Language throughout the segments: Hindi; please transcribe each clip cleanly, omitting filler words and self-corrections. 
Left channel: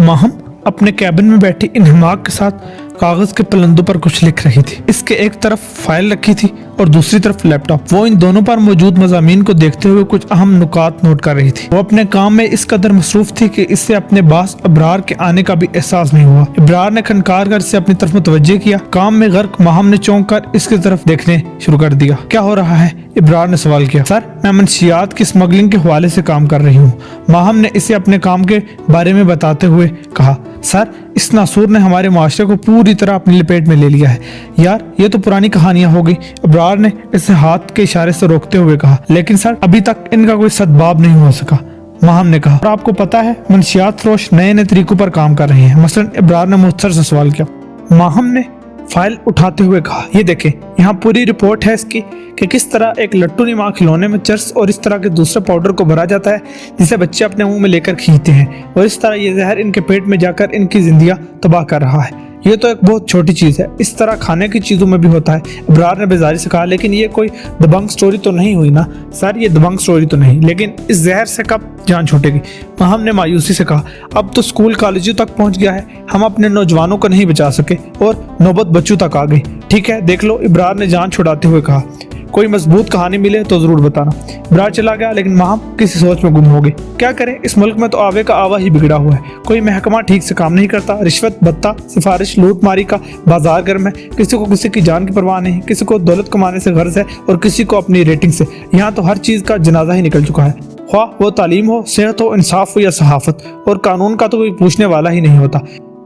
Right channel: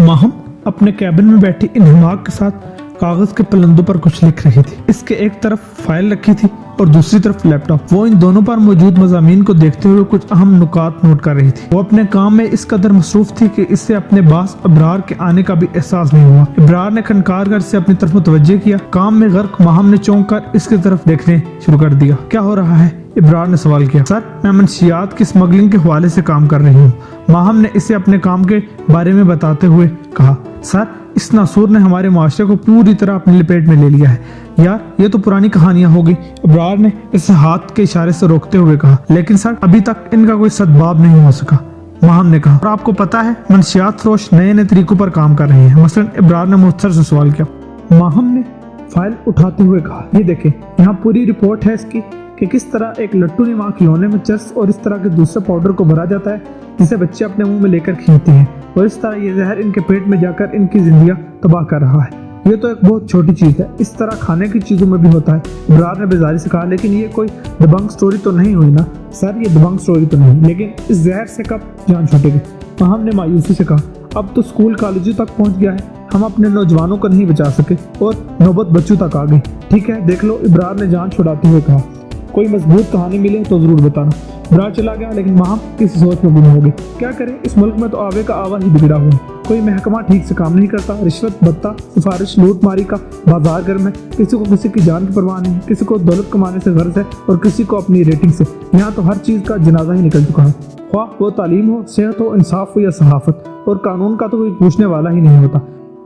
माहम अपने कैबिन में बैठी इन हिमाक के साथ कागज के पलंदों पर कुछ लिख रही थी। इसके एक तरफ फाइल रखी थी और दूसरी तरफ लैपटॉप। वो इन दोनों पर मौजूद मज़ामीन को देखते हुए कुछ अहम नुकात नोट कर रही थी। वो अपने काम में इस कदर मसरूफ थी कि इससे अपने बास इब्रार के आने का भी एहसास नहीं हुआ। इब्रार ने खनकार कर इसे अपनी तरफ मुतवज्जे किया। काम में गर्क माहम ने चौंक कर इसकी तरफ देखने शुरू कर दिया। क्या हो रहा है? इब्रार ने सवाल किया। सर, मैं मंशियात की स्मगलिंग के हवाले से काम कर रही हूँ। माहम ने इसे अपने काम के बारे में बताते हुए कहा। सर, इस नासूर ने हमारे माशरे को पूरी तरह अपनी लपेट में ले लिया है। यार, ये तो पुरानी कहानियां होगी। इब्रार ने इसे हाथ के इशारे से रोकते हुए कहा। लेकिन सर, अभी तक इनका कोई सद्भाव नहीं हो सका, माहम ने कहा। और आपको पता है, मंशियात फरोश नए नए तरीकों पर काम कर रहे हैं। मसलन इब्रार ने मुख्तसर से सवाल किया। माहम ने फाइल उठाते हुए कहा, ये देखें, यहाँ पूरी रिपोर्ट है इसकी कि किस तरह एक लट्टू नुमा खिलौने में चर्स और इस तरह के दूसरे पाउडर को भरा जाता है जिसे बच्चे अपने मुंह में लेकर खींचते हैं और इस तरह ये जहर इनके पेट में जाकर इनकी जिंदगियां तबाह कर रहा है। ये तो एक बहुत छोटी चीज है, इस तरह खाने की चीजों में भी होता है, इब्रार ने बेजारी से कहा। लेकिन ये कोई दबंग स्टोरी तो नहीं हुई ना? सर, ये दबंग स्टोरी तो नहीं, लेकिन इस जहर से कब जान छूटेगी? माहम ने मायूसी से कहा। अब तो स्कूल कॉलेजों तक पहुंच गया है, हम अपने नौजवानों को नहीं बचा सके और नौबत बच्चों तक आ गई। ठीक है, देख लो, इब्रार ने जान छुड़ाते हुए कहा। कोई मजबूत कहानी मिले तो जरूर बताना। इब्रार चला गया, लेकिन माहम किसी सोच में गुम हो गई। क्या करें, इस मुल्क में तो आवे का आवा ही बिगड़ा हुआ है। कोई महकमा ठीक से काम नहीं करता, रिश्वत, भत्ता, सिफारिश, लूट मारी का बाजार गर्म है। किसी को किसी की जान की परवाह नहीं, किसी को दौलत कमाने से गर्ज है और किसी को अपनी रेटिंग से। यहाँ तो हर चीज का जनाजा ही निकल चुका है, ख्वाह वो तालीम हो, सेहत हो, इंसाफ हो या सहाफत। और कानून का तो कोई पूछने वाला ही नहीं होता।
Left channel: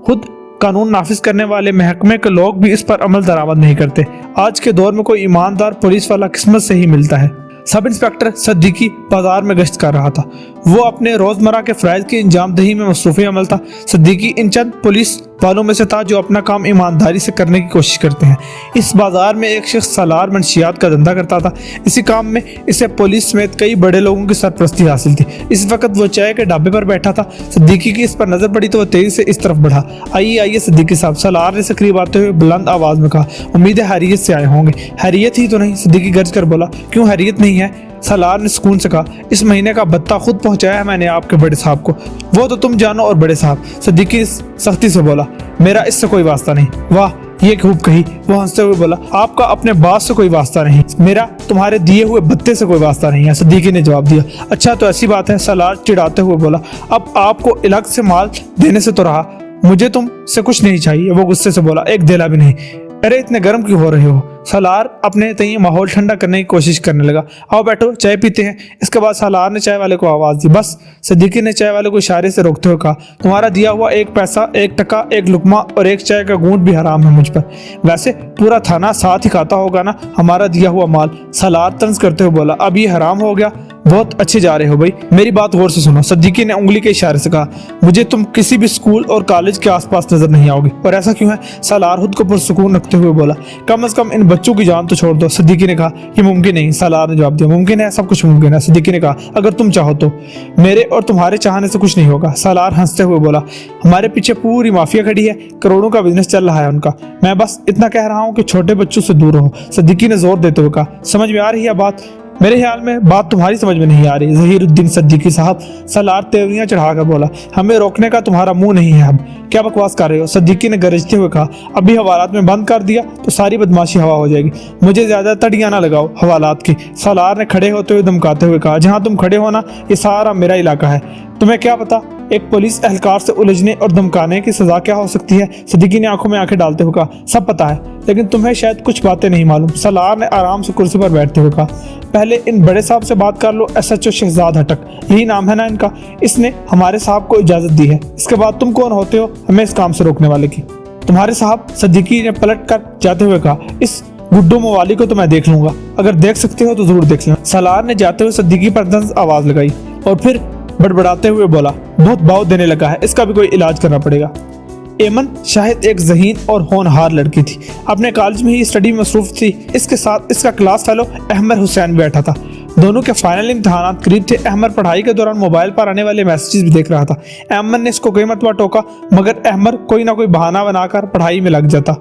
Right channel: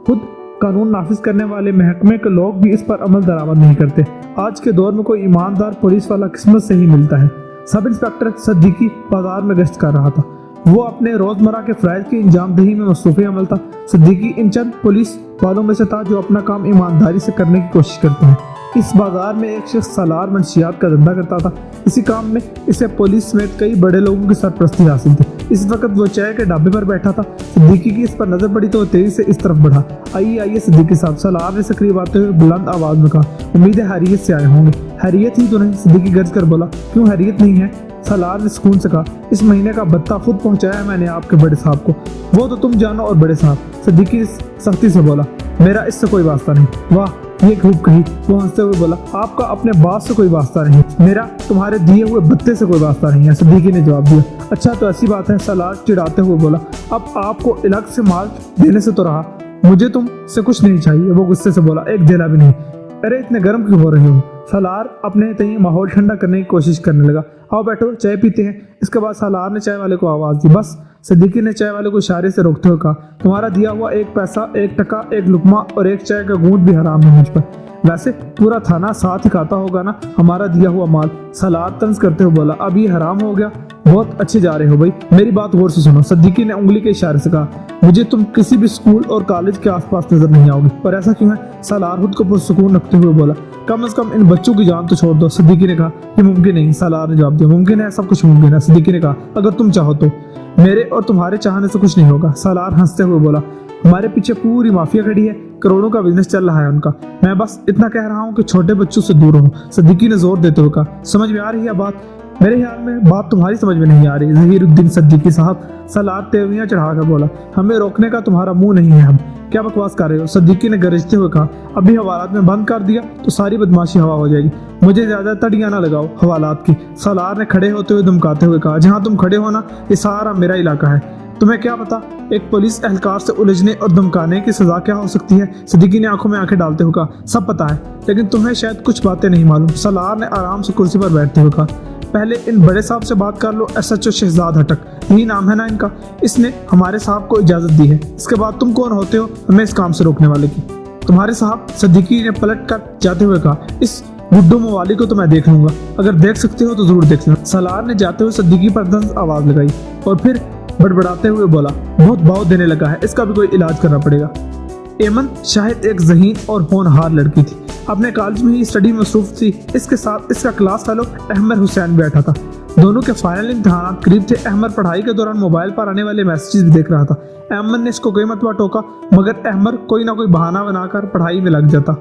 खुद कानून नाफिज करने वाले महकमे के लोग भी इस पर अमल दरामद नहीं करते। आज के दौर में कोई ईमानदार पुलिस वाला किस्मत से ही मिलता है। सब इंस्पेक्टर सद्दीकी बाजार में गश्त कर रहा था। वो अपने रोजमर्रा के फराइज की इंजाम दही में मसरूफ अमल था। सद्दीकी इन चंद पुलिस वालों में से था जो अपना काम ईमानदारी से करने की कोशिश करते हैं। इस बाजार में एक शख्स सालार मंशियात का धंधा करता था। इसी काम में इसे पुलिस समेत कई बड़े लोगों की सरपरस्ती हासिल थी। इस वक्त वो चाय के ढाबे पर बैठा था। सद्दीकी की इस पर नजर पड़ी तो वो तेजी से इस तरफ बढ़ा। आइए आइए सद्दीकी साहब, सालार ने से करीब आते हुए बुलंद आवाज में कहा। उम्मीद है हैरियत से आए होंगे। हैरियत ही तो नहीं, सद्दीकी गर्ज कर बोला। क्यों हैरियत नहीं है? सालार ने सुकून से कहा। इस महीने का भत्ता खुद पहुंचाया है मैंने आपके बड़े साहब को। वो तो तुम जानो और बड़े साहब, सद्दीकी सख्ती से बोला। मेरा इससे कोई वास्ता नहीं। वाह, ये खूब कही। वो हंसते हुए बोला। आपका अपने बास से कोई वास्ता नहीं, मेरा तुम्हारे दिए हुए भत्ते से कोई वास्ता नहीं है, सद्दीकी ने जवाब दिया। अच्छा, तो ऐसी बात है, सालार चिढ़ाते हुए बोला। अब आपको इलाक से माल देने से तो रहा, मुझे तुम से कुछ नहीं चाहिए। वो गुस्से से बोला। एक देला भी नहीं। अरे इतने गर्म क्यों हो रहे हो? सालार अपने तय माहौल ठंडा करने की कोशिश करने लगा। आओ बैठो, चाय पीते हैं। इसके बाद सालार ने चाय वाले को आवाज दी। बस, सद्दीकी ने चाय वाले को इशारे से रोकते हुए कहा। तुम्हारा दिया हुआ एक पैसा, एक टका, एक लुकमा और एक चाय का घूंट भी हराम है मुझ पर। वैसे पूरा थाना साथ ही खाता होगा ना हमारा दिया हुआ माल, सालार तंज करते हुए बोला। अब ये हराम हो गया? बहुत अच्छे जा रहे हो भाई, मेरी बात गौर से सुनो, सद्दीकी ने उंगली के इशारे से कहा। मुझे तुम किसी भी स्कूल और कॉलेज के आसपास नजर नहीं आओगे। और ऐसा क्यों है? सालार खुद को पुरसुकून रखते हुए बोला। कम से कम इन बच्चों की जान तो छोड़ दो, सद्दीकी ने कहा। ये मुमकिन नहीं, सालार ने जवाब दिया। मुमकिन है, सब कुछ मुमकिन है, सद्दीकी ने कहा, अगर तुम चाहो तो। मेरे और तुम्हारे चाहने से कुछ नहीं होगा, सालार हंसते हुए बोला। हमारे पीछे पूरी माफिया खड़ी है, करोड़ों का बिजनेस चल रहा है उनका। मैं बस इतना कह रहा हूँ कि छोटे बच्चों से दूर रहो, सद्दीकी ने जोर देते हुए कहा। समझ में आ रही है बात? मेरे ख्याल में बात तुम्हारी समझ में नहीं आ रही, जहीरुद्दीन सद्दीकी साहब, सालार तेवरियां चढ़ाकर बोला। हमें रोकने का तुम्हारा मुंह नहीं है, हम क्या बकवास कर रहे हो? सद्दीकी ने गरजते हुए कहा। अभी हवालात में बंद कर दिया तो सारी बदमाशी हवा हो जाएगी। मुझे ज्यादा तड़ियां ना लगाओ हवालात की, सालार ने खड़े होते हुए धमकाते हुए कहा। जहां तुम खड़े हो ना, ये सारा मेरा इलाका है। तुम्हें क्या पता एक पुलिस एहलकार से उलझने और धमकाने की सजा क्या हो सकती है? सद्दीकी ने आंखों में आंखें डालते हुए कहा। सब पता है, लेकिन तुम्हें शायद कुछ बातें नहीं मालूम, सालार ने आराम से कुर्सी पर बैठते हुए कहा। पहले इन बड़े साहब से बात कर लो, SHO शहजाद हटक, यही नाम है ना इनका। इसने हमारे साहब को इजाजत दी है। इसके बाद तुम कौन होते हो हमें इस काम से रोकने वाले की? तुम्हारे साहब, सद्दीकी ने पलट कर जाते हुए कहा। इस गुड्डू मवाली को तो मैं देख लूंगा, अगर देख सकते हो तो जरूर देख लेना, सालार ने जाते हुए सद्दीकी पर दंस आवाज लगाई और फिर बड़बड़ाते हुए बोला। बहुत भाव देने लगा है, इसका भी कोई इलाज करना पड़ेगा। एमन शाहिद एक ज़हीन और होनहार लड़की थी, अपने कॉलेज में ही स्टडी में मसरूफ थी। इसके साथ इसका क्लास फेलो अहमद हुसैन बैठा था। दोनों के फाइनल इम्तिहानात करीब थे। अहमद पढ़ाई के दौरान मोबाइल पर आने वाले मैसेजेस भी देख रहा था। अहमद ने इसको कई मरतबा टोका, मगर अहमद कोई ना कोई बहाना बनाकर पढ़ाई में लग जाता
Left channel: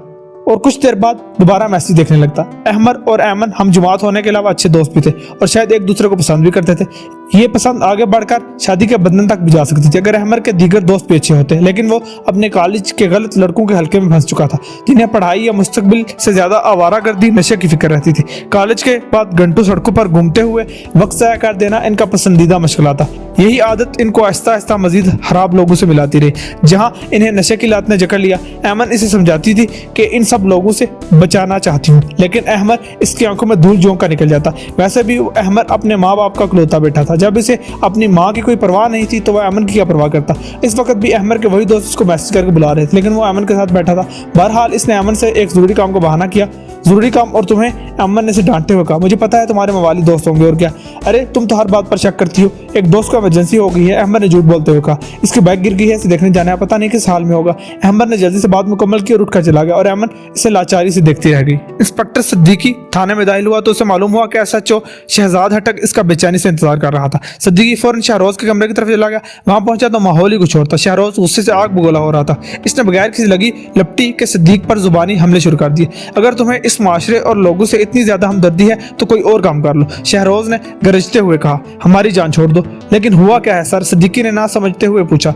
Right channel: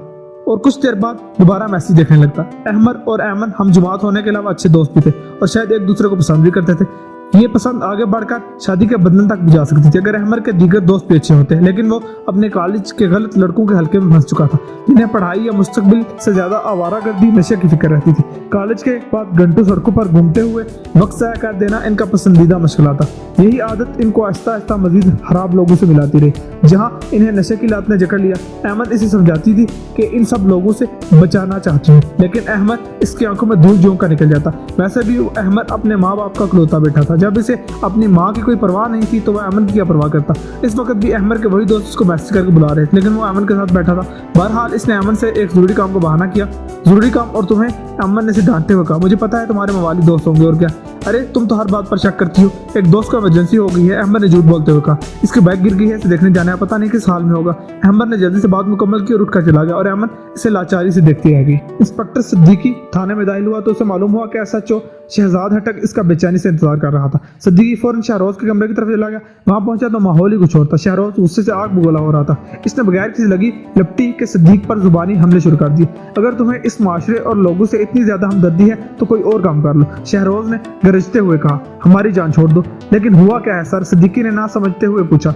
और कुछ देर बाद दोबारा मैसेज देखने लगता। अहमद और अहमद हम जुमात होने के अलावा अच्छे दोस्त भी थे और शायद एक दूसरे को पसंद भी करते थे। ये पसंद आगे बढ़कर शादी के बंधन तक भी जा सकती थी अगर अहमद के दीगर दोस्त भी अच्छे होते, लेकिन वो अपने कॉलेज के गलत लड़कों के हल्के में फंस चुका था, जिन्हें पढ़ाई या मुस्तकबिल से ज्यादा आवारागर्दी नशे की फिक्र रहती थी। कॉलेज के बाद घंटों सड़कों पर घूमते हुए वक्त ज़ाया कर देना इनका पसंदीदा मशगला था। यही आदत इनको आहिस्ता आहिस्ता मजीद खराब लोगों से मिलाती रही। जहाँ इन्हें नशे की लात ने जकड़ लिया, अमन इसे समझाती थी कि इन सब लोगों से बचाना चाहती हूँ, लेकिन अहमद इसकी आंखों में धूल झोंक कर निकल जाता। वैसे भी अहमद अपने माँ बाप का इकलौता बेटा था, जब इसे अपनी माँ की कोई परवाह नहीं थी तो वह अमन की क्या परवाह करता। इस वक्त भी अहमद के वही दोस्त उसको मैसेज करके बुला रहे थे, लेकिन वो अमन के साथ बैठा था। बहरहाल इसने अमन से एक जरूरी काम को बहाना किया, जरूरी काम, और तुम्हें अमन ने इसे डांटते हुए कहा, मुझे पता है तुम्हारे मवाली दोस्त होंगे और क्या, अरे तुम तो हर बात पर शक करती हो। एक दोस्त को इमरजेंसी हो गई है, अहमद ने झूठ बोलते हुए कहा। इसकी बाइक गिर गई है, इसे देखने जाना है, पता नहीं किस हाल में होगा। अहमद ने जल्दी से बात मुकम्मल की और उठकर चला गया और अमन इसे लाचारी से देखती रह गई। इंस्पेक्टर सिद्दीकी थाने में दाखिल हुआ तो उसे मालूम हुआ कि एसएचओ शहजाद हटक इसका बेचैनी से इंतजार कर रहा था। सिद्दीकी फौरन शहरोज के कमरे की तरफ चला गया। वहां पहुंचा तो माहौल ही कुछ और था। शहरोज गुस्से से आग बगोला हो रहा था। इसने बगैर किसी लगी लपटी के सिद्दीक पर जुबानी हमले शुरू कर दिए। अगर तुम्हें इस माशरे और लोगों से इतनी ज्यादा हमदर्दी है तो कोई और काम कर लो, शहरोज ने गरजते हुए कहा। हमारी जान छोड़ दो। लेकिन हुआ क्या है सर? सिद्दीकी ने ना समझते हुए पूछा।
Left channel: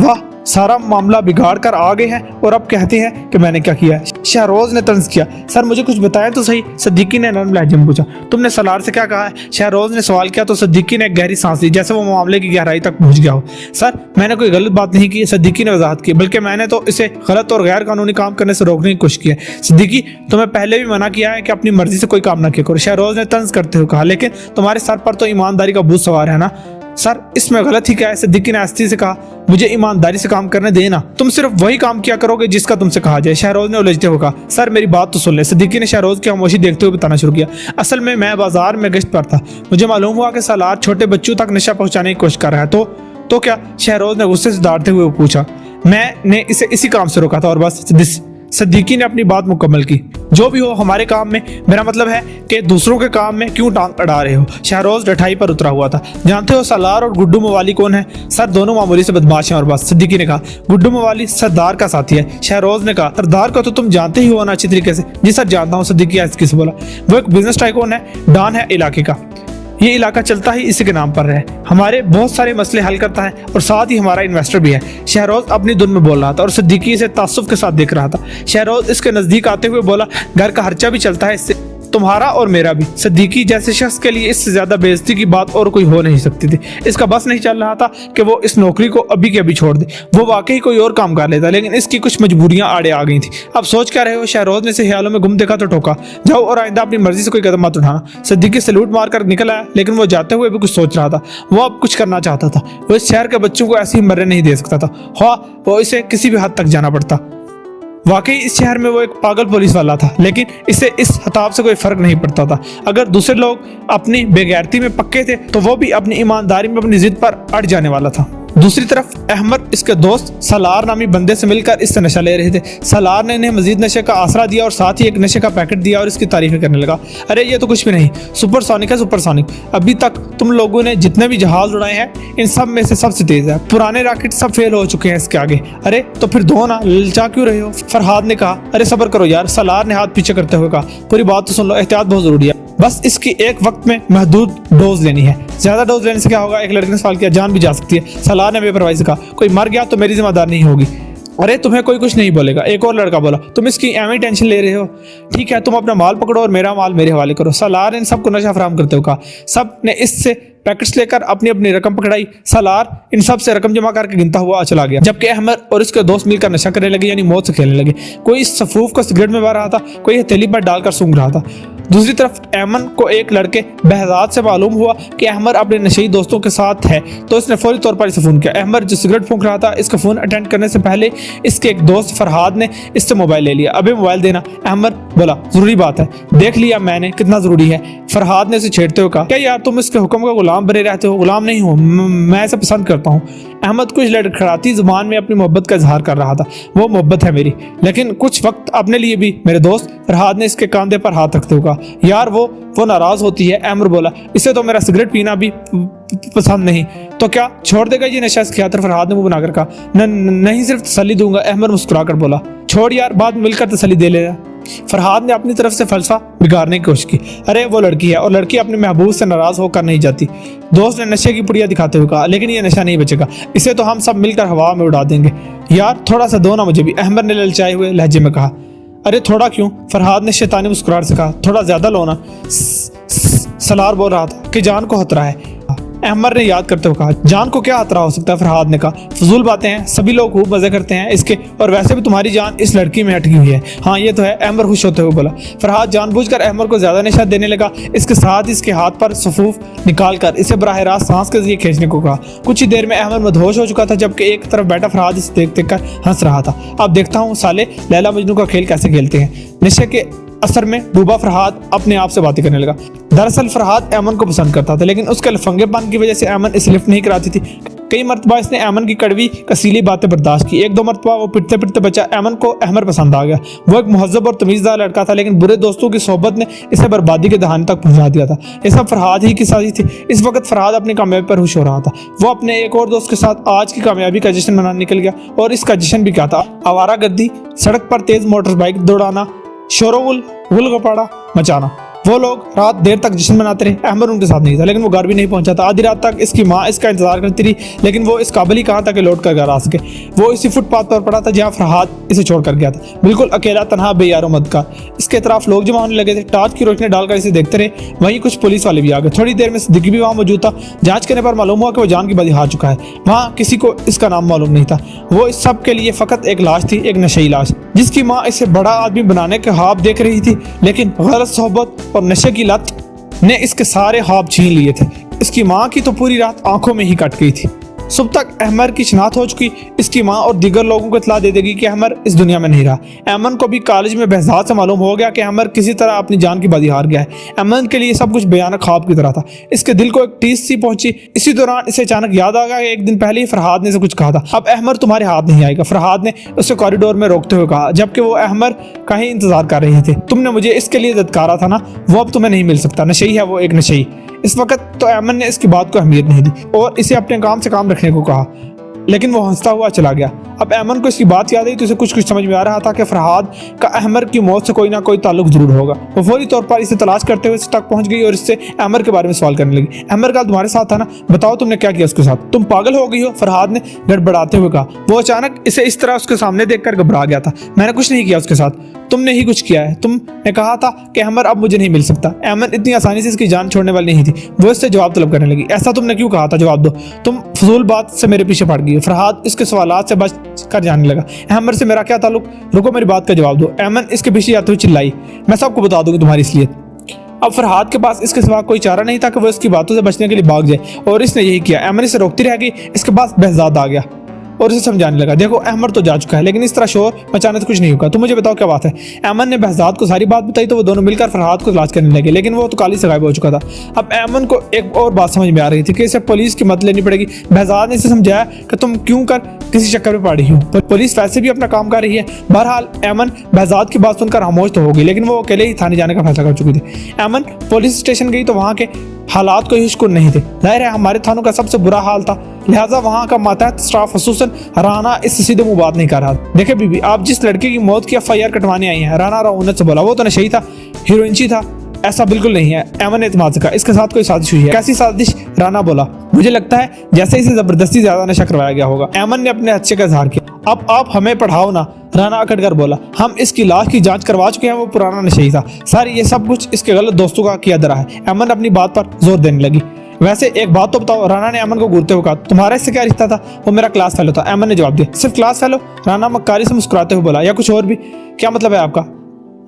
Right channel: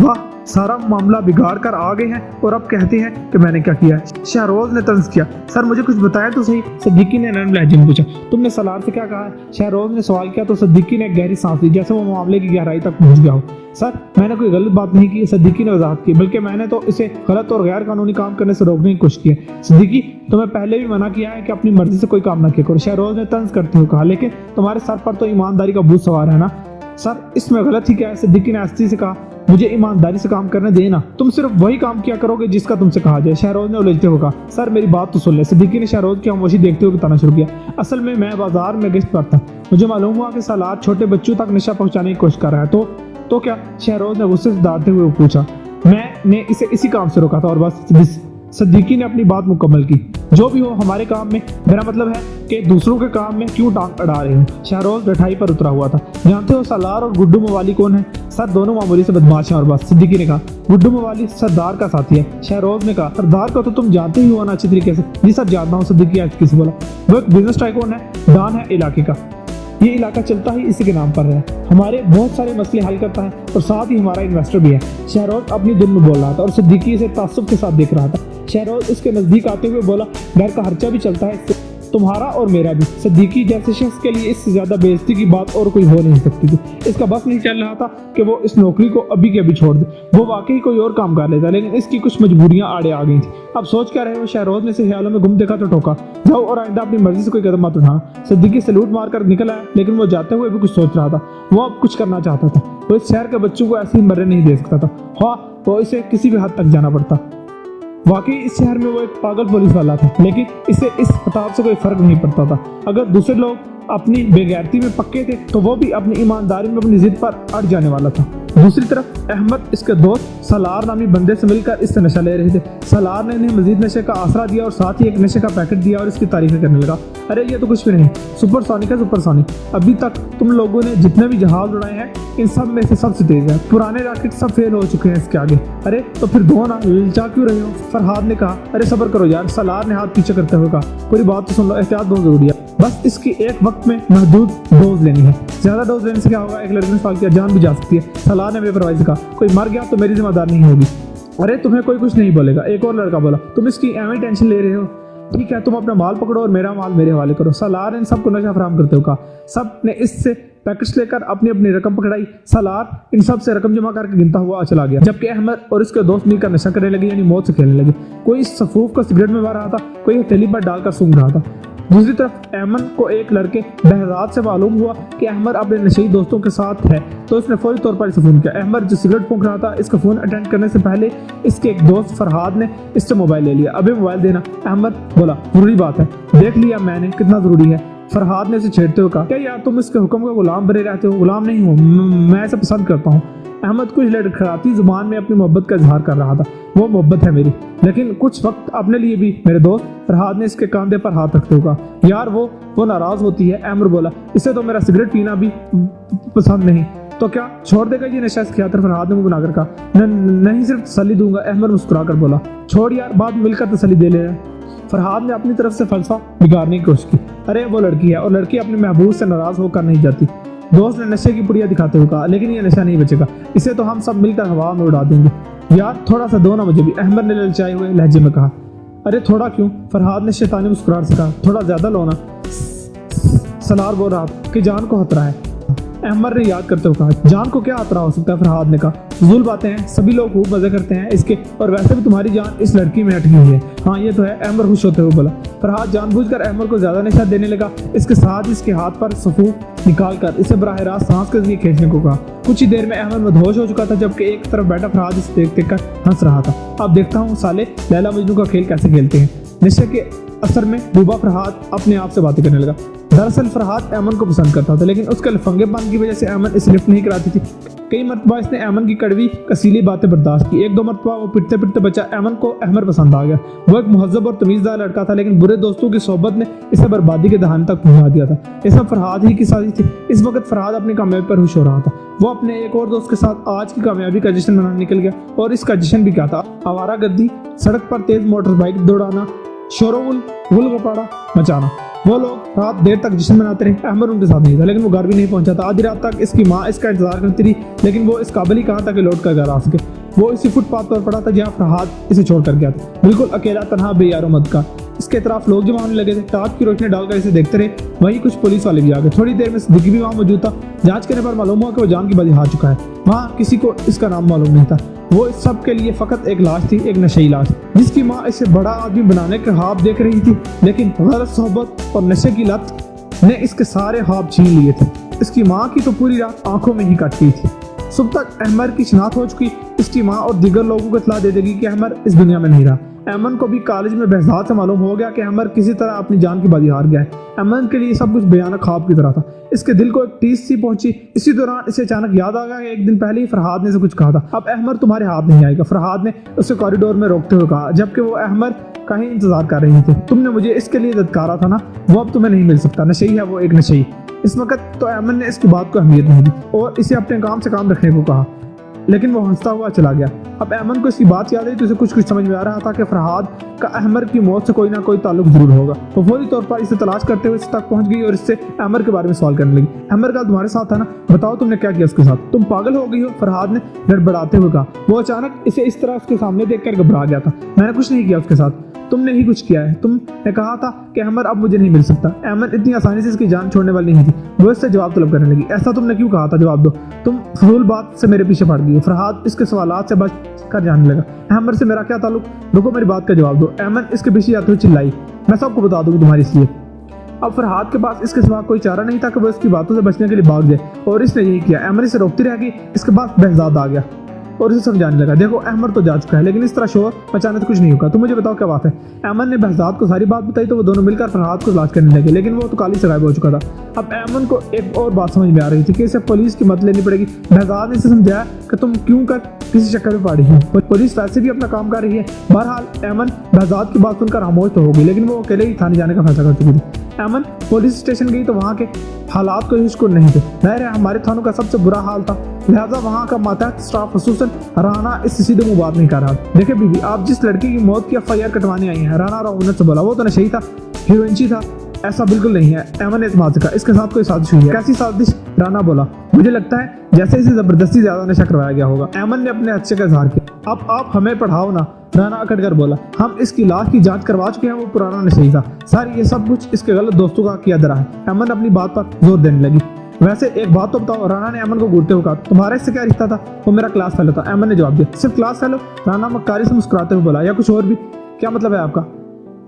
वाह, सारा मामला बिगाड़ कर आ गए हैं और अब कहते हैं कि मैंने क्या किया। शहरोज ने तंज किया। सर मुझे कुछ बताएं तो सही, सिद्दीकी ने नरम लहजे में पूछा। तुमने सलार से क्या कहा है? शहरोज ने सवाल किया तो सिद्दीकी ने गहरी सांस ली, जैसे वो मामले की गहराई तक पहुंच गया हो। सर मैंने कोई गलत बात नहीं की, सिद्दीकी ने वजाहत की, बल्कि मैंने तो इसे गलत और गैर कानूनी काम करने से रोकने की कोशिश की है। सिद्दीकी, तुम्हें पहले भी मना किया है कि अपनी मर्जी से कोई काम ना किया करो, शहरोज ने तंज करते हुए कहा। लेकिन तुम्हारे सर पर तो ईमानदारी का भूत सवार है ना। सर इसमें गलत ही क्या है? सिद्दीकी ने आस्ती से कहा। मुझे ईमानदारी से काम करने देना, तुम सिर्फ वही काम किया करोगे जिसका तुमसे कहा जाए, शहरोज ने उलझते हुए कहा। सर मेरी बात तो सुन ले। सिद्दीकी ने शहरोज की खामोशी देखते हुए बताना शुरू किया। असल में मैं बाजार में गश्त पर था, मुझे मालूम हुआ कि सालार छोटे बच्चों तक नशा पहुंचाने की कोशिश कर रहा है। तो क्या? शहरोज ने गुस्से से डांटते हुए पूछा। मैंने इसे इसी काम से रोका था और बस। सिद्दीकी ने अपनी बात मुकम्मल की। जो भी हो, हमारे काम में, मेरा मतलब है कि दूसरों के काम में क्यों टांग अड़ा रहे हो? शहरोज डठाई पर उतरा हुआ था। जानते हो सालार और गुड्डू मवाली कौन है? सर दोनों मामूली से बदमाश हैं और बस। सिद्दीकी ने कहा। गुड्डू मवाली सरदार का साथी है, शहरोज ने कहा। सरदार को तो तुम जानते ही हो ना अच्छी तरीके से। जी सर जानता हूँ, सिद्दीकी आहिस्ते से बोला। वो एक बिजनेस टाइकून है, डॉन है इलाके का। ये इलाका चलता ही इसी के नाम पर है, हमारे बहुत सारे मसले हल करता है और साथ ही हमारा इन्वेस्टर भी है। शहरोज अपनी धुन में बोल रहा था और सिद्दीकी इसे तासुफ के साथ देख रहा था। शहरोज इसके नजदीक आते हुए बोला, घर का खर्चा भी चलता है इससे, तुम्हारा और मेरा भी। सिद्दीकी जैसे शख्स के लिए इससे ज्यादा बेइज्जती की बात और कोई हो नहीं सकती थी। इसका बस नहीं चल रहा था कि वो इस नौकरी को अभी के अभी छोड़ दे। वो वाकई कोई और काम कर लेता, लेकिन इसकी कुछ मजबूरियां आड़े आ गई थी। अब सोच क्या रहे हो? शहरोज ने इसे ख्यालों में गुम देखा तो टोका। जाओ और आइंदा अपनी मर्जी से कोई कदम मत उठाना। सिद्दीकी सैल्यूट मारकर निकल आया, लेकिन वो जाते हुए भी कुछ सोच रहा था। वो अब कुछ करना चाहता था। वो इस शहर के बच्चों को ऐसे ही मरने नहीं दे सकता था। हाँ, वो इसे किसी भी हद तक जाना पड़ता। वाकई इस शहर में वो एक पागल पुलिस वाला था, लेकिन इसे इस खिताब से कोई फर्क नहीं पड़ता था। अगर दूसरे लोग अपनी बेगैरती में पक्के थे तो वो भी अपनी ईमानदारी में अपनी जिद पर अड़ जाने वाला था। दूसरी तरफ अहमद इसके दोस्त सलार नामी बंदे से मिलकर इससे नशा ले रहे थे। सलार ने इन्हें मजीद नशे का आसरा दिया और साथ ही एक नशे का पैकेट दिया और इसकी तारीफें करने लगा। अरे ये तो कुछ भी नहीं, सुपरसोनिक है, सुपरसोनिक। अभी तक तुम लोगों ने जितने भी जहाज उड़ाए हैं इन सब में से सबसे तेज है। पुराने रॉकेट सब फेल हो चुके हैं इसके आगे। अरे तो फिर दो ना, ललचा क्यों रहे हो? फरहाद ने कहा। अरे सब्र करो यार, सलार ने हाथ पीछे करते हुए कहा। पूरी बात तो सुन लो, एहतियात बहुत जरूरी है। बस इसकी एक वक्त में महदूद डोज लेनी है। ज्यादा डोज लेने से क्या होगा? एक लड़के ने सवाल किया। जान भी जा सकती है। सलार ने बेपरवाही से कहा। कोई मर गया तो मेरी जिम्मेदार नहीं होगी। अरे तुम्हें कोई कुछ नहीं बोलेगा। एक और लड़का बोला। तुम इसकी एवं टेंशन ले रहे हो? ठीक है, तुम अपना माल पकड़ो और मेरा माल मेरे हवाले करो। सलार ने सबको नशा फराहम करते हुए कहा। सब ने इससे पैकेट्स लेकर अपनी अपनी रकम पकड़ाई। सलार इन सब से रकम जमा करके गिनता हुआ चला गया, जबकि अहमद और उसके दोस्त मिलकर नशा करने लगे, यानी मौत से खेलने लगे। कोई इस सफूफ को सिगरेट में भर रहा था, कोई हथेली पर डालकर सूंघ रहा था। दूसरी तरफ अहमद को एक लड़के बहजाद से मालूम हुआ कि अहमद अपने नशेई दोस्तों के साथ है, तो इसने फौरी तौर पर इसे फोन किया। अहमद जो सिगरेट फूंक रहा था, इसका फोन अटेंड करने से पहले इसके एक दोस्त फरहाद ने इससे मोबाइल ले लिया। अबे मोबाइल देना। अहमद बोला। जरूरी बात है, देख लिया मैंने कितना जरूरी है। फरहाद ने इसे छेड़ते हुए कहा। क्या यार तुम इसके हुक्म का गुलाम बने रहते हो? गुलाम नहीं हूँ मैं, इसे पसंद करता हूँ। अहमद कुछ लड़खड़ाती जुबान में अपनी मोहब्बत का इजहार कर रहा था। वो मोहब्बत है मेरी, लेकिन कुछ वक्त अपने लिए भी मेरे दोस्त। फरहाद ने इसके कंधे पर हाथ रखते हुए कहा। यार वो नाराज होती है। अहमद बोला। इसे तो मेरा सिगरेट पीना भी पसंद नहीं, तो क्या छोड़ देगा ये नशा? इसके हाथ फरहाद ने मुंह बनाकर कहा। नहीं, सिर्फ तसल्ली दूंगा। अहमद मुस्कुराकर बोला। छोड़ यार, बाद में मिलकर तसल्ली दे लेना। फरहाद ने अपनी तरफ से फलसफा बिगाड़ने की कोशिश की। अरे वो लड़की है और लड़की अपने महबूब से नाराज होकर नहीं जाती। दोस्त ने नशे की पुड़िया दिखाते हुए कहा, लेकिन ये नशा नहीं बचेगा, इसे तो हम सब मिलकर हवा में उड़ा देंगे। यार थोड़ा सा दो ना मुझे भी, अहमद ने ललचाए हुए लहजे में कहा। अरे थोड़ा क्यों? फरहाद ने शैतानी मुस्कुराहट से कहा। थोड़ा ज्यादा लो ना। सलार बोल रहा था कि जान को खतरा है। अहमद ने याद करते हुए कहा, जान को क्या खतरा हो सकता है? फरहाद ने कहा, फजूल बातें हैं, सभी लोग खूब मजे करते हैं इसके, और वैसे भी तुम्हारी जान इस लड़की में अटकी हुई है। हाँ ये तो है, अहमद खुश होते हुए बोला। फरहाद जानबूझकर अहमद को ज्यादा नशा देने लगा। इसके साथ ही इसके हाथ पर सफूफ निकालकर इसे बराह रास्त सांस के जरिए खींचने को कहा। कुछ ही देर में अहमद मदहोश हो चुका था, जबकि एक तरफ बैठा फरहाद इसे देख देख कर हंस रहा था। अब देखता हूँ साले लैला मजनू का खेल कैसे खेलते हैं। नशे के असर में डूबा फरहाद अपने आप से बातें करने लगा। दरअसल फरहाद अमन को पसंद करता था, लेकिन उसके लफंगेपन की वजह से अमन इसे लिफ्ट नहीं कराती थी। कई मरतबा इसने अमन की कड़वी कसीली बातें बर्दाश्त की। एक दो मरतबा वो पिटते पिटते बचा अमन को अहमद पसंद आ गया। वो एक मुहज्जब और तमीज़दार लड़का था, लेकिन बुरे दोस्तों की सोबत ने इसे बर्बादी के दहाने तक पहुंचा दिया था। ये सब फरहाद ही की साजिश थी। इस वक्त फरहाद अपनी कामयाबी पर खुश हो रहा था। वो अपने एक और दोस्त के साथ आज की कामयाबी का जश्न मनाने निकल गया। और इसका जश्न भी क्या था? आवारागर्दी, सड़क पर तेज मोटर बाइक दौड़ाना, शोरगुल गपाड़ा मचाना। वो लोग रात देर तक जश्न मनाते रहे। अहमद उनके साथ नहीं था, लेकिन वो घर भी नहीं पहुंचा था। आधी रात तक इसकी माँ इसका इंतजार करती रही, लेकिन वो इस काबिल ही कहाँ था कि लौट कर घर आ सके। वो इसी फुटपाथ पर पड़ा था जहाँ फरहाद इसे छोड़ कर गया था, बिल्कुल अकेला, तनहा, बेयारो मदकार। इसके इतराफ लोग जमा होने लगे थे। टॉर्च की रोशनी डालकर इसे देखते रहे। वहीं कुछ पुलिस वाले भी आ गए। थोड़ी देर में सिद्दीकी भी वहाँ मौजूद था। जांच करने पर मालूम हुआ कि वो जान की बाजी हार चुका है। वहाँ किसी को इसका नाम मालूम नहीं था। वो इस सब के लिए फकत एक लाश थी, एक नशेई लाश, जिसकी माँ इसे बड़ा आदमी बनाने के ख्वाब देख रही थी, लेकिन गलत सोहबत और नशे की लत ने इसके सारे ख्वाब छीन लिए थे। इसकी माँ की तो पूरी रात आंखों में ही कट गई थी। सुबह तक अहमद की शिनाख्त हो चुकी। इसकी माँ और दीगर लोगों को इत्तला दे देगी कि अहमद इस दुनिया में नहीं रहा। अमन को भी कॉलेज में बहजाद से मालूम हो गया कि अहमद किसी तरह अपनी जान की बाजी हार गया है। अमन के लिए सब कुछ भयानक ख्वाब की तरह था। इसके दिल को एक टीस सी पहुंची। इसी दौरान इसे अचानक याद आ गया कि एक दिन पहले ही फरहाद ने इसे कुछ कहा था, अब अहमद तुम्हारे हाथ नहीं आएगा। फरहाद ने उसे कॉरिडोर में रोकते हुए कहा, जबकि वो अहमद का ही इंतजार कर रही थी। तुमने मुझे इसके लिए धत्कारा था ना, वो अब तुम्हें नहीं मिल सकता। नशेई है वो, एक नशेई। इस वक्त तो अमन ने इसकी बात को अहमियत नहीं दी और इसे अपने काम से काम रखने को कहा, लेकिन वो हंसता हुआ चला गया। अब अमन को इसकी बात याद आई तो उसे कुछ कुछ समझ में आ रहा था कि फरहाद का अहमद की मौत से कोई ना कोई ताल्लुक जरूर होगा। वो फौरी तौर पर इसे तलाश करते हुए इस तक पहुंच गई और इससे अमर के बारे में सवाल करने लगी। अमर का तुम्हारे साथ था ना, बताओ तुमने क्या किया उसके साथ? तुम पागल हो गई हो, फरहाद ने गड़बड़ाते हुए कहा। वो अचानक इसे इस तरह उसके सामने देखकर घबरा गया था। मैंने कुछ नहीं किया उसके साथ, तुमने ही कुछ किया है। तुमने कहा था कि अमर अब मुझे नहीं मिल सकता। अमन इतनी आसानी से इसकी जान छोड़ने वाली नहीं थी। वो इससे जवाब तलब करने लगी। ऐसा तुमने क्यों कहा था? जवाब दो, तुम फजूल बात से मेरे पीछे पड़ गई। फरहाद इसके सवालात से बच कर जाने लगा। अहमद से मेरा क्या ताल्लुक? रुको, मेरी बात का जवाब दो। अमन इसके पीछे जाते हुए चिल्लाई, मैं सबको बता दूंगी तुम्हारी इसलिए। अब फरहाद के पास इसके सिवा कोई चारा नहीं था कि वो इसकी बातों से बचने के लिए भाग जाए, और इसने यही किया। अमन इसे रोकती रह गई। इसके पास बहजाद आ गया और इसे समझाने लगा, देखो अहमद तो जा चुका है, लेकिन इस तरह शोर मचाने से कुछ नहीं होगा। तुम मुझे बताओ क्या बात है? अमन ने बहजाद को सारी बात बताई तो वो दोनों मिलकर फरहाद को तलाश करने लगे, लेकिन वो तो काली से गायब हो चुका था। अब अमन को एक और बात समझ में आ रही थी कि इसे पुलिस की मदद लेनी पड़ेगी। बहजाद ने इसे समझाया कि तुम क्यों कर किसी चक्कर में पड़ रही हो, पुलिस वैसे भी अपना काम कर रही है। बहरहाल अमन बहजाद की बात सुनकर खामोश तो हो गई, लेकिन वो अकेले ही थाने जाने का फैसला कर चुकी थी। अमन पुलिस स्टेशन गई तो वहाँ के हालात कोई हुशकुन नहीं थे। जाहिर है हमारे थानों का सबसे बुरा हाल था, लिहाजा वहाँ का मातहत स्टाफ खसूसन राना इससे सीधे मुंह बात नहीं कर रहा। देखिए बीबी, आप जिस लड़के की मौत की FIR कटवाने आई हैं, राना रऊनत से बोला, वो तो नशेई था, हीरोइनची था। ऐसा बिल्कुल नहीं है। अमन ने एतमाद से कहा, इसके साथ कोई साजिश हुई है। कैसी साजिश? राना बोला, मुझे लगता है जैसे इसे जबरदस्ती ज्यादा नशा करवाया गया होगा। अमन ने अपने अच्छे का इजहार किया। अब आप हमें पढ़ाओ ना, राना अकड़ कर बोला। हम इसकी लाश की जांच करवा चुके हैं, वो पुराना नशेई था। सर ये सब कुछ इसके गलत दोस्तों का किया धरा है। अमन अपनी बात पर जोर देने लगी। वैसे एक बात तो बताओ, राना ने अमन को घूरते हुए कहा, तुम्हारा इससे क्या रिश्ता था? वो मेरा क्लास फेलो था। अमन ने जवाब दिया, सिर्फ क्लास फेलो? राना मक्कारी से मुस्कुराते हुए बोला, या कुछ और भी? क्या मतलब है आपका?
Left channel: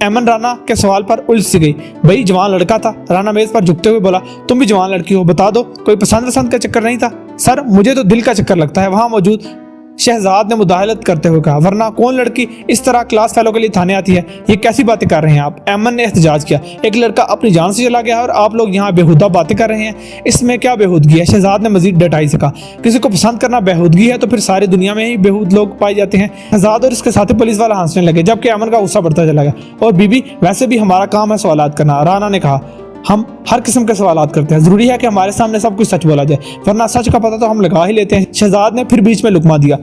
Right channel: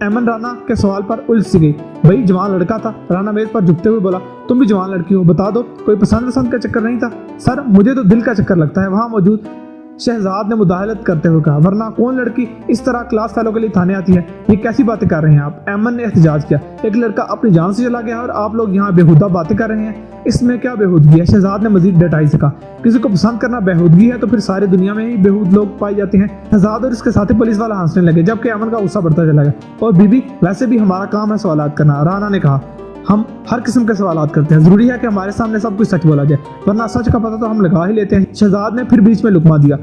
अमन राना के सवाल पर उलझ सी गई। भाई जवान लड़का था। राना मेज पर झुकते हुए बोला, तुम भी जवान लड़की हो, बता दो कोई पसंद का चक्कर नहीं था? सर मुझे तो दिल का चक्कर लगता है। वहां मौजूद शहजाद ने मुदाहलत करते हुए कहा, वरना कौन लड़की इस तरह क्लास फेलो के लिए थाने आती है? ये कैसी बातें कर रहे हैं आप? अमन ने एहतजाज किया, एक लड़का अपनी जान से चला गया और आप लोग यहाँ बेहुदा बातें कर रहे हैं, इसमें क्या बेहूदगी है? शहजाद ने मजीद डटाई से कहा, किसी को पसंद करना बेहूदगी है तो फिर सारी दुनिया में ही बेहूद लोग पाए जाते हैं। शहजाद और इसके साथी पुलिस वाला हंसने लगे, जबकि अमन का गुस्सा बढ़ता चला गया। और बीबी वैसे भी हमारा काम है सवालात करना, राना ने कहा। हम हर किस्म के सवालात करते हैं, जरूरी है कि हमारे सामने सब कुछ सच बोला जाए, वरना सच का पता तो हम लगा ही लेते हैं। शहजाद ने फिर बीच में लुकमा दिया।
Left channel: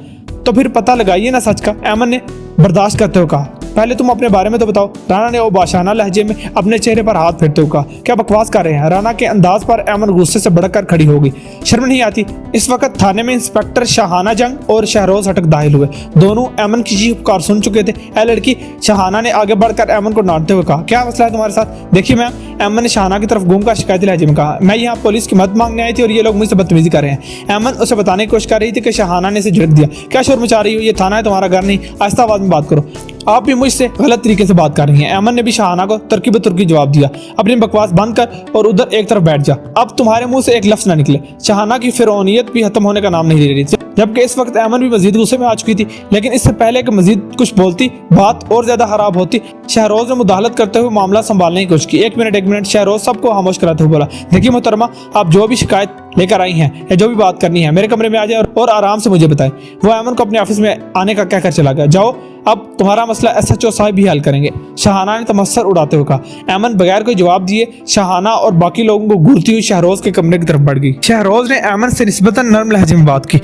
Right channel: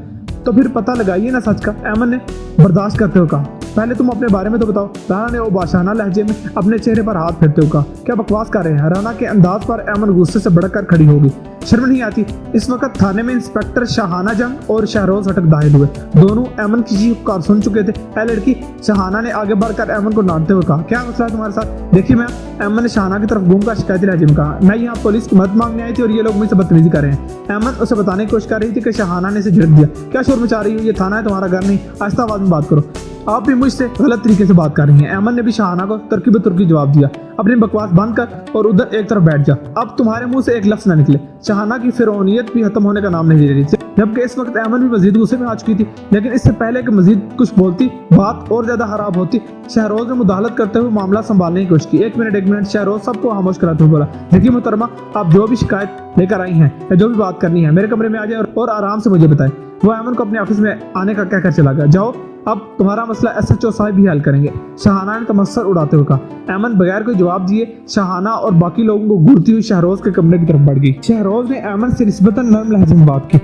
तो फिर पता लगाइए ना सच का, ऐमन ने बर्दाश्त करते हुए कहा। पहले तुम अपने बारे में तो बताओ। राना ने वो बाशाना लहजे में अपने चेहरे पर हाथ फेरते हुए कहा। क्या बकवास कर रहे हैं? राना के अंदाज पर ऐमन गुस्से से भड़क कर खड़ी हो गई। शर्म नहीं आती? इस वक्त थाने में इंस्पेक्टर शाहाना जंग और शहरोज हटक दाखिल हुए। दोनों ऐमन की चीख पुकार सुन चुके थे। ऐ लड़की, शाहाना ने आगे बढ़कर ऐमन को डांटते हुए कहा, क्या मसला है तुम्हारे साथ? देखिए मैम, ऐमन ने शाहाना की तरफ घूमकर शिकायती लहजे में कहा, मैं यहाँ पुलिस की मदद मांगने आई थी और ये लोग मुझसे बदतमीजी कर रहे हैं। ऐमन उसे बताने की कोशिश कर रही थी कि शाहाना ने इसे झिड़क दिया। क्या शोर मचा रही हो? ये थाना है, तुम्हारा घर नहीं। आहिस्ता आवाज में बात करो, आप भी मुझसे गलत तरीके से बात कर रही हैं। ऐमन ने भी शाहाना को तुर्की बतुर्की जवाब दिया, अपनी बकवास बंद कर और उधर एक तरफ बैठ जा, अब तुम्हारे मुंह से एक लफ्ज ना निकले। शाहाना की फिरौनियत भी खत्म होने का नाम नहीं ले रही थी, जबकि इस वक्त ऐमन भी मजीद गुस्से में आ चुकी थी। लेकिन इससे पहले कि मजीद कुछ बोलती, बात और ज्यादा खराब होती, शहरोज ने मुदाखलत करते हुए मामला संभालने की कोशिश की। एक मिनट, शहरोज सबको खामोश कराते हुए बोला, देखिए मोहतरमा, आप जो भी शिकायत लेकर आई हैं या जो भी बात करनी है, मेरे कमरे में आ जाए और आराम से मुझे बताएं। वो ऐमन को अपने ऑफिस में आने का कहकर चला गया। जाओ, अब तुम्हारा मसला SHO साहब भी हल करेंगे, शाहाना ने तमस्सर उड़ाते हुए कहा। ऐमन बगैर कोई जवाब दिए शाहाना और बाकी लोगों को घूरती हुई शहरोज के कमरे की तरफ बढ़ गई। शहरोज ने ऐमन से निस्बतन नर्म लहजे में बात की।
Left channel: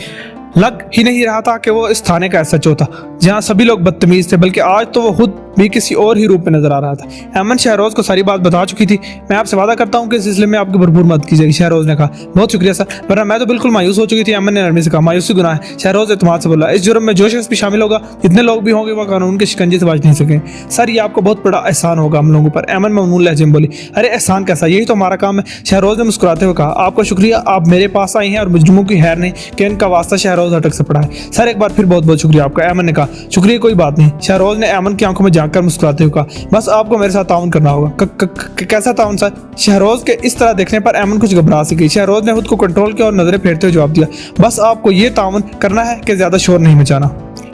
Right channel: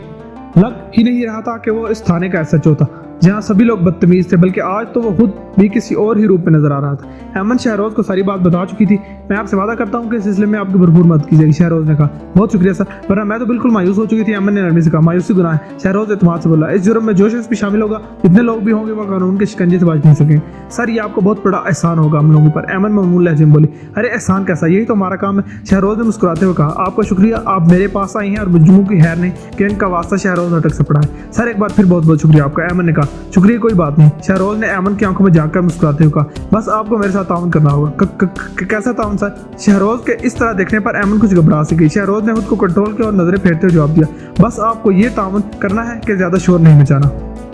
लग ही नहीं रहा था कि वो इस थाने का SHO था जहां सभी लोग बदतमीज थे, बल्कि आज तो वो खुद भी किसी और ही रूप में नजर आ रहा था। ऐमन शहरोज को सारी बात बता चुकी थी। मैं आपसे वादा करता हूं कि इस सिलसिले में आपकी भरपूर मदद की जाएगी, शहरोज ने कहा। बहुत शुक्रिया सर, वरना मैं तो बिल्कुल मायूस हो चुकी थी। ऐमन ने नरमी से कहा, मायूसी गुनाह है। शहरोज एतमाद से बोला, इस जुर्म में जो शख्स भी शामिल होगा, जितने लोग भी होंगे, वो कानून के शिकंजे से बच नहीं सके। सर, ये आपको बहुत बड़ा एहसान होगा हम लोगों पर। ऐमन ममनून लहजे में बोली, अरे एहसान कैसा, यही तो हमारा काम है। शहरोज ने मुस्कुराते हुए कहा, आपका शुक्रिया, आप मेरे पास आई हैं और मुजरिमों की खैर नहीं कि इनका वास्ता शहरोज हटक से पड़ा है। सर, एक बार फिर बहुत बहुत शुक्रिया आपका। ऐमन ने कहा, शुक्रिया कोई बात नहीं। शहरोज ने ऐमन की आंखों में झांककर मुस्कुराते हुए कहा, बस आपको मेरे साथ ताउन करना होगा। कैसा ताउन सर? शहरोज के इस तरह देखने पर ऐमन कुछ घबरा सी गई। शहरोज ने खुद को कंट्रोल किया और नजरें फेरते हुए जवाब दिया, बस आपको ये ताउन करना है कि ज्यादा शोर नहीं मचाना।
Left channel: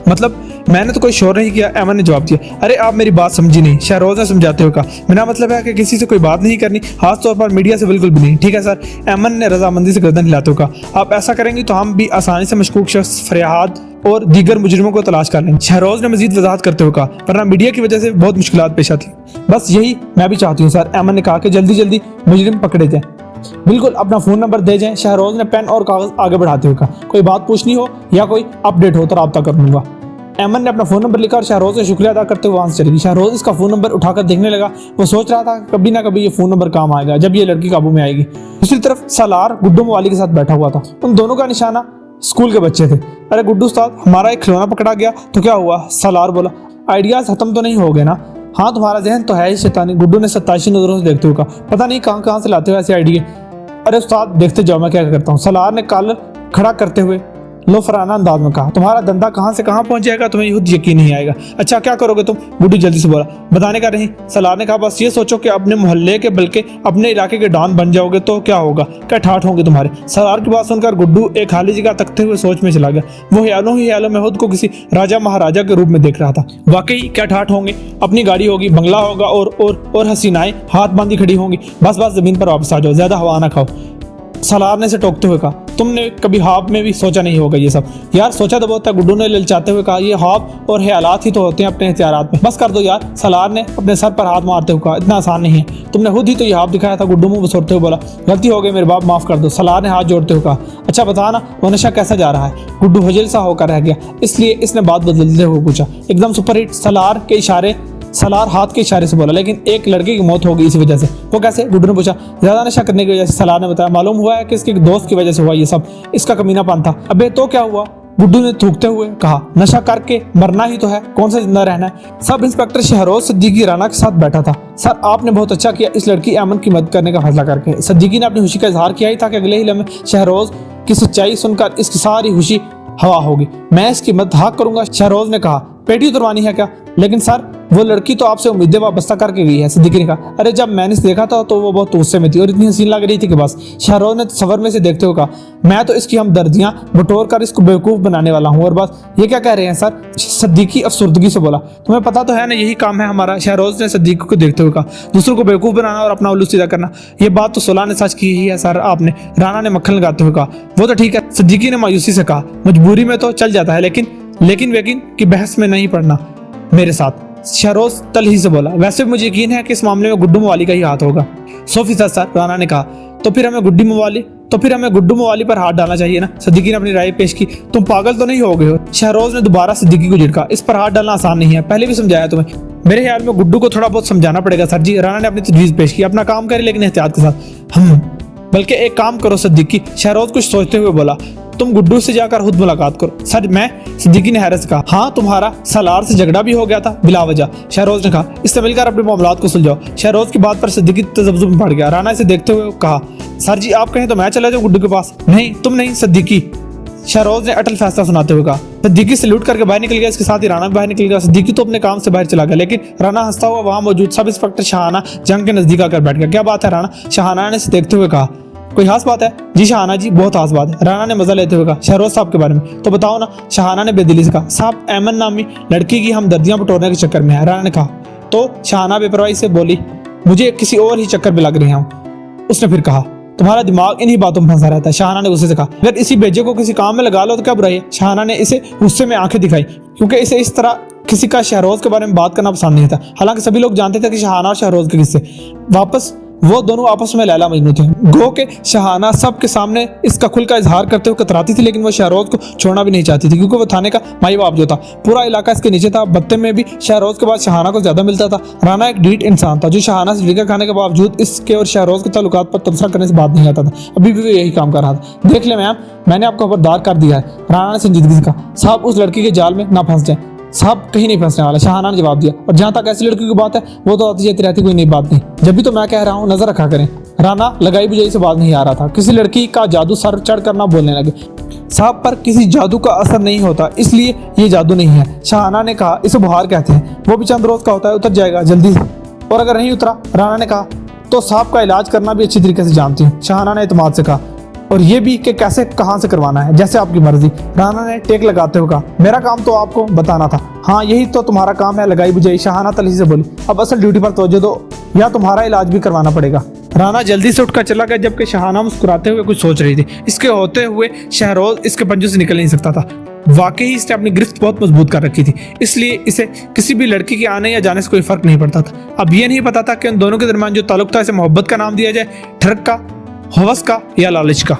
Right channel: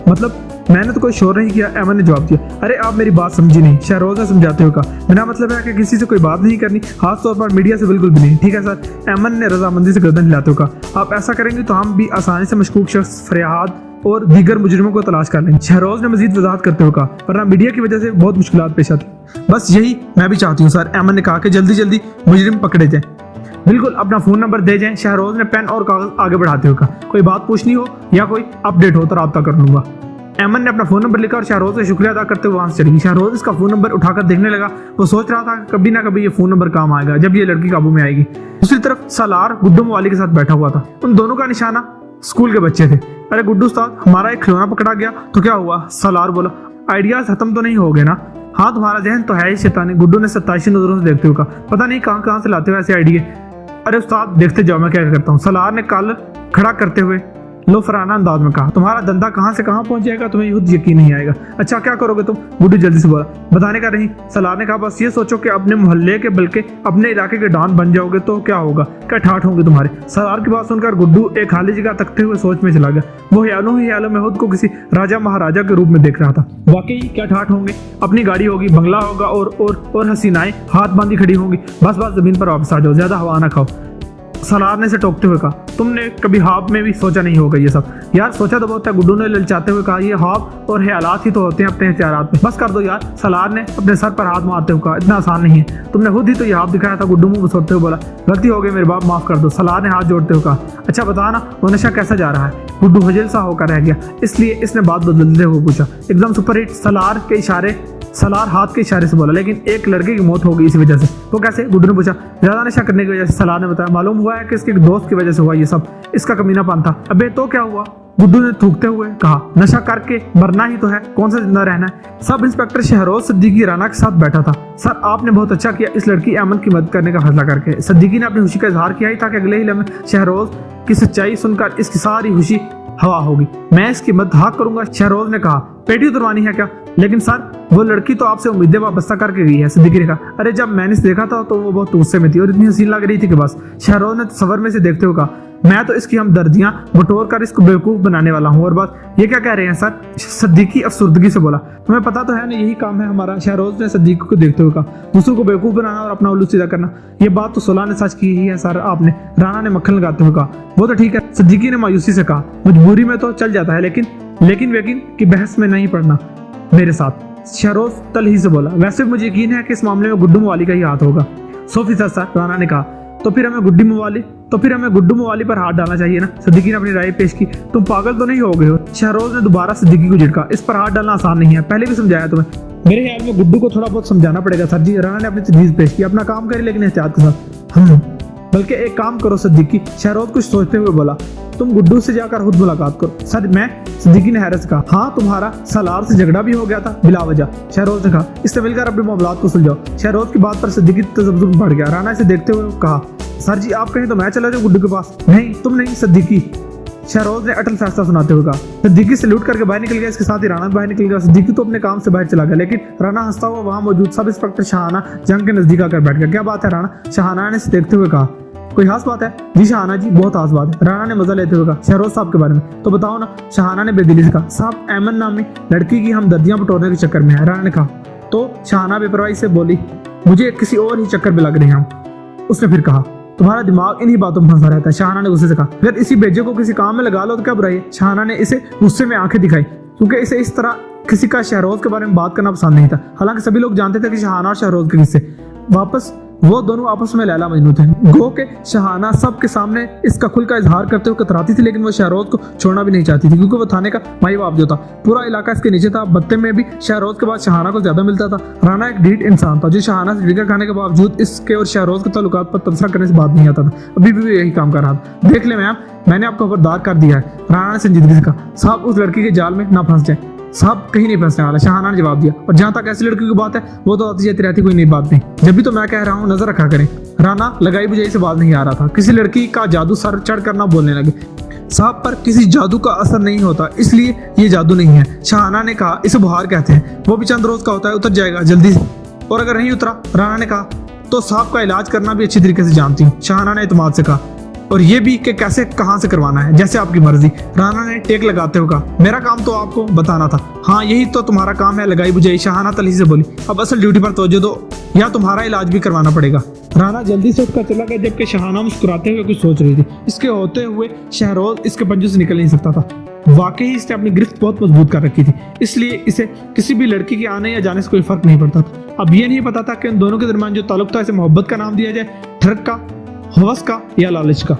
मतलब मैंने तो कोई शोर नहीं किया, ऐमन ने जवाब दिया। अरे आप मेरी बात समझी नहीं, शहरोज ने समझाते हुए कहा। मेरा मतलब है कि किसी से कोई बात नहीं करनी, खास तौर पर मीडिया से बिल्कुल भी नहीं। ठीक है सर, ऐमन ने रजामंदी से गर्दन हिलाते हुए कहा। आप ऐसा करेंगे तो हम भी आसानी से मशकूक शख्स, फरियाद और दीगर मुजरिमों को तलाश कर लेंगे। शहरोज ने मजीद वजाहत करते हुए कहा, वरना मीडिया की वजह से बहुत मुश्किलात पेश आती। बस यही मैं भी चाहती हूँ सर, ऐमन ने कहा कि जल्दी जल्दी मुजरिम पकड़े जाएं। बिल्कुल, अपना फोन नंबर दे जाएं। शहरोज ने पेन और कागज आगे बढ़ाते हुए कहा, कोई बात पूछनी हो या कोई अपडेट हो तो राब्ता कर लूंगा। ऐमन ने अपना फोन नंबर लिखा और शहरोज से शुक्रिया अदा करते हुए वहां से चली गई। शहरोज इसका फोन नंबर उठाकर देखने लगा। वो सोच रहा था कभी ना कभी ये फोन नंबर काम आएगा जब ये लड़की काबू में आएगी। दूसरी तरफ सालार गुड्डू मवाली के साथ बैठा हुआ था। उन दोनों का निशाना स्कूल के बच्चे थे। अरे गुड्डू उस्ताद, हमारा एक खिलौना पकड़ा गया तो क्या हुआ? सालार बोला, आइडियाज खत्म तो नहीं हो गए ना? हाँ, तुम्हारा जहन तो है ही शैतानी, गुड्डू ने 27 नजरों से देखते हुए कहा। पता नहीं कहाँ से लाते हो ऐसे आइडिया। अरे उस्ताद, देखते जाओ मैं क्या करता हूँ, सालार ने कल खड़ा करते हुए लोफराना अंदाज में कहा। तुम्हारा धंधा कहां से कहां पहुंच जाएगा, तुम्हें खुद यकीन नहीं आएगा। अच्छा, क्या करोगे तुम? गुड्डू जल्दी से बोला। बताने का नहीं, सलार ने कहा। बस ये सोचो कि अपने मोहल्ले के बल्कि अपने इलाके के डॉन बन जाओगे तो क्या होगा, क्या ठाठ होंगे तुम्हारे। सलार की बात सुनकर गुड्डू एक खाली जगह तकते हुए सोच में चला गया। वो ख्यालों में खुद को किसी राजा महाराजा के रूप में देख रहा था। वाकई क्या ठाठ होंगे, अपनी गाड़ी होगी, बंगला होगा और हसीनाएं हाथ बांधी खड़ी होंगी। बस जमीन पर वापस आ जाओ, ज्यादा हवा ना खाओ। सलार ने से टोकते हुए कहा, तुमने कभी ख्वाब में भी सोचा नहीं होगा ये सब। यार सोचा तो बहुत है, गुड्डू ने ललचाते हुए कहा। ये ख्वाब और ख्यालात ही तो होते हैं अपने हथियारात में, बस कर दो यार। सलार ने अपने सर पर हाथ मारते हुए कहा, इतना आसान नहीं है, तुमने खुद ही तो ये ख्वाब दिखाया था। गुड्डू मुंह बसोरते हुए बोला, गलती हो गई मेरे बाप, माफ कर दो। सलार ने हाथ जोड़ते हुए कहा, अच्छा बता ना, वो नशा कैसा जा रहा है? गुड्डू हजल सा होकर रह गया, इसलिए इसने बात बदलते हुए पूछा। एकदम सुपरहिट। सलार हाथ के इशारे से बोला, लेकिन एक लड़के की मौत हो गई इसी वजह से। वो कैसे? गुड्डू ने पूछा। ज्यादा नशा करने की वजह से, सलार ने बताया। मालूम हुआ है कि इसके दोस्त की वजह से हुआ ये सब, इसका कमीनापन था। अबे तो क्या हुआ? गुड्डू ने थूकते हुए कहा, नशा करके मरना ही तो है, कौन सा जिंदा रहना है। सब इंस्पेक्टर शहरोज सिद्दीकी राना के साथ बैठा था। सर, आपने बहुत अच्छा किया इस लड़की ऐमन की मदद करने का फैसला करके। सिद्दीकी ने अपनी खुशी का इजहार किया ही था कि अगले ही लम्हे शहरोज की सच्चाई सुनकर इसकी सारी खुशी हवा होगी। मैं इसकी मदद हाँ करूंगा, शहरोज ने कहा। पेटी उतरवानी है क्या? लेकिन सर, वो लड़की तो आपसे उम्मीदें वाबस्ता करके गई है, सिद्दीकी ने कहा। अरे जब मैंने इसे देखा था तो वो बहुत गुस्से में थी और इतनी हसीन लग रही थी कि बस। शहरोज ने सवर में से देखते हुए कहा, मैं तो इसकी हमदर्दियां बटोर कर इसको बेवकूफ बनाने वाला हूँ और बस। ये क्या कह रहे हैं सर? सिद्दीकी अफसुर्दगी से बोला। तुम्हें पता तो है ना, यही काम है हमारा। शहरोज ने सिद्दीकी को देखते हुए कहा, दूसरों को बेवकूफ बनाना और अपना उल्लू सीधा करना। ये बात तो सुलह ने सच की ही है सर आपने, राना ने मक्खन लगाते हुए कहा। वो तो ठीक है, सिद्दीकी ने मायूसी से कहा, मजबूरी में तो चल जाता है, लेकिन वेकिन की बहस में नहीं पड़ना मेरे साथ। शहरोज तलही से बोला, वैसे भी मुझे यकीन है कि इस मामले में गुड्डू मवाली का ही हाथ होगा। 100% सर, राना ने कहा। तो फिर हमें गुड्डू मवाली पर हाथ डालना चाहिए ना। सिद्दीकी ने अपनी राय पेश की। तुम पागल तो नहीं हो गए हो? शहरोज ने दोबारा सिद्दीकी को झिड़का। इस पर हाथ डालना आसान नहीं है, पहले भी समझाया तुम्हें। मेरे ख्याल में गुड्डू को थोड़ा बहुत समझाना पड़ेगा सर जी। राना ने अपनी तजवीज पेश की। अपना काम करे लेकिन एहतियात के साथ। बल्कि एक काम करो सिद्दीकी, शहरोज कुछ सोचते हुए बोला, तुम गुड्डू से जाकर खुद मुलाकात करो। सर मैं? सिद्दीकी ने हैरत से कहा। हाँ, तुम्हारा सालार से झगड़ा भी हो गया था बिला वजह। शहरोज ने कहा, इससे मिलकर अपने मामलात को सुलझाओ। शहरोज की बात पर सिद्दीकी तजब्जुब में पड़ गया। राना इसे देखते हुए कहा, सर जी आप कहें तो मैं चला जाऊं गुड्डू के पास। नहीं तुम नहीं, सिद्दीकी, शहरोज ने अटल फैसला सुनाते हुए कहा। सिद्दीकी सैल्यूट करके बाहर निकल गया। इसके साथ ही राना भी बाहर निकल गया। सिद्दीकी तो अपने काम से बाहर चला गया, लेकिन राना हंसता हुआ वहां मौजूद सब इंस्पेक्टर शाहाना जंग के नजदीक आकर बैठ गया। क्या बात है राना? शाहाना ने इसे देखते हुए कहा। कोई खास बात है? जी शाहाना जी, बहुत खास बात है, राना ने मजा लेते हुए कहा। शहरोज साहब के बारे में तो बताओ ना, शाहाना ने बेदिली से कहा। साहब अहमद नामी लड़की की हमदर्दियां बटोरने के चक्कर में है, राना ने कहा। तो शाहाना बेपरवाही से बोली, मुझे किसी और ही चक्कर में लग रहे हैं। उसने फिर कहा, तुम्हारा दिमाग इन्हीं बातों में फंसा रहता है। शाहाना ने गुस्से से कहा, अगर इसी बेजे को किसी काम में लगा लो तो क्या बुराई है? शाहाना ने इसे गुस्से में आंखें दिखाई, क्योंकि इसे इस तरह किसी का शहरोज के बारे में बात करना पसंद नहीं था। हालांकि सभी लोग जानते थे कि शाहाना और शहरोज के किस्से वापस वो दोनों आपस में लैला मजनू थे। गो के शाहाना सबके सामने इसका खुल का इजहार करते हुए कतराती थी, लेकिन वो शहरोज को छोड़ना भी नहीं चाहती थी, क्योंकि वो थाने का माई बाप जो था, पूरा इलाका इसके नीचे था। बत्ते में भी शहरोज के बाद शाहाना को ज्यादा मिलता था। राना एक ढीठ इंसान था जो शाहाना से ड्रिंकर खाने के बावजूद इसके और शहरोज के ताल्लुकात पर तबसरा करने से बात नहीं आता था। अभी भी वो यही काम कर रहा था। देख ले मैम, मैंने आपको खबरदार कर दिया है, राना ने संजीदगी से कहा। साहब उस लड़की के जाल में ना फंस जाए। साहब कहीं नहीं फंसने वाला, शाहाना ने जवाब दिया। और जहां तक ऐसी लड़की की बात है, वो तो आती जाती रहती, कोई नई बात नहीं। जब भी तो मैं कह रहा हूँ नजर रखा करें। राना लगाई बुझाई से बात नहीं आ रहा था। किसी लड़की का जादू सर चढ़ करना बोलने लगे। साहब पर किसी जादू का असर नहीं होता, इसलिए ये जादू नहीं है, शाहाना ने कहा। इसे बुहार कहते हैं, वो भी चंद रोज का होता है, उतर जाएगा जल्दी से। और अगर नहीं उतरा, राना ने कहा, तो साहब का इलाज करना भी अच्छी तरीके से जानती हूँ, शाहाना ने इत्मीनान से कहा। और ये भी कि कैसे कहां से करवाना है, जैसे आपकी मर्जी, राना ने टेक लगाते हुए कहा। मेरा काम तो आपको बताना था। हाँ यही तो तुम्हारा काम है, लगाई बुझाई, शाहाना तलही से बोली। अब असल ड्यूटी पर तवज्जो दो या तुम्हारा इलाज भी करवाना पड़ेगा। राना जल्दी से उठकर चला गया, जबकि शाहाना मुस्कुराते हुए कुछ सोच रही थी। इसके होते हुए शहरोज इसके पंजों से निकल नहीं सकता था। वाकई इसने अपनी गिरफ्त बहुत मजबूत कर रखी थी, इसलिए इसे किसी भी लड़की के आने या जाने से कोई फर्क नहीं पड़ता था। अब ये नहीं पता था कि उन दोनों के दरमियान जो ताल्लुक था, इसे मोहब्बत का नाम दिया जाए, ठरक का, हवस का या लालच का।